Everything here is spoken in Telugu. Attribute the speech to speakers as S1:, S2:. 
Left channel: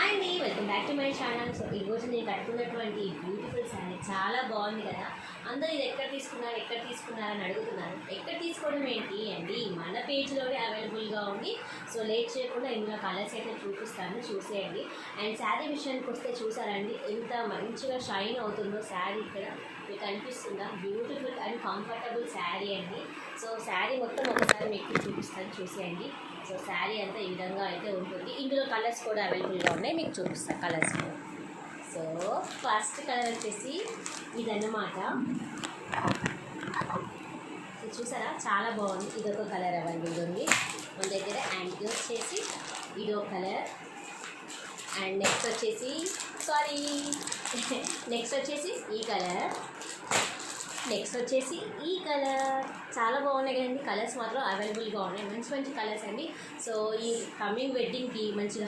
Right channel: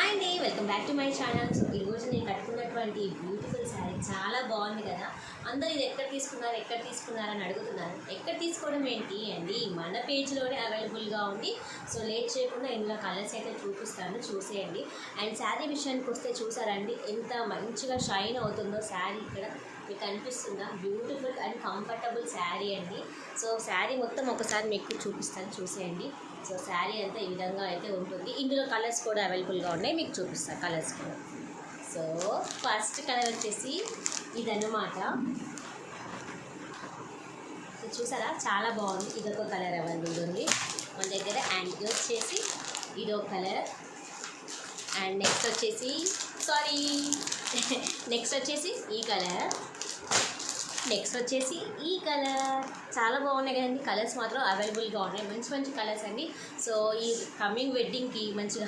S1: హాయ్ అండి welcome back to my channel so ఈరోజు నేను కట్టుకున్నటువంటి బ్యూటిఫుల్ శారీ చాలా బాగుంది కదా? అందరూ ఇది ఎక్కడ తీసుకున్నారు ఎక్కడ తీసుకున్నారు అని అడుగుతున్నారు. ఎక్కడ తీసుకోవడం ఏంటి అండి? మన పేజ్లోనే అవైలబుల్గా ఉంది. సో లేట్ చేయకుండా ఇందులో కలర్స్ అయితే చూపిస్తాను చూసేయండి. అండ్ శారీ విషయానికి వస్తే చూసారండి ఎంత మంచిగా షైన్ అవుతుందో శారీ ఇక్కడ మీకు అనిపిస్తుందా బ్యూటిఫుల్ అండ్ కంఫర్టబుల్ శారీ అండి. సో శారీ మొత్తం ఒకసారి మీకు చూపిస్తాను చూసేయండి. సో శారీ అంతా ఈ విధంగా అయితే ఉంటుంది. ఇందులో కలర్స్ కూడా అవైలబుల్గా ఉన్నాయి మీకు చూపిస్తాను కలర్స్ కూడా. సో ఫస్ట్ కలర్ వచ్చేసి ఇదన్నమాట. చూసారా? చాలా బాగుంది. ఇదొక కలర్ అవైలబుల్ ఉంది మన దగ్గర యాంటీ ఇది వచ్చేసి ఇదో కలర్. అండ్ నెక్స్ట్ వచ్చేసి సారీ. నెక్స్ట్ వచ్చేసి ఈ కలర్. నెక్స్ట్ వచ్చేసి ఈ కలర్. చాలా బాగున్నాయి కదండి. కలర్స్ మాత్రం అవైలబుల్గా ఉన్నాయి. మంచి మంచి కలర్స్ అండి. సో ఈ కమింగ్ వెడ్డింగ్కి మంచిగా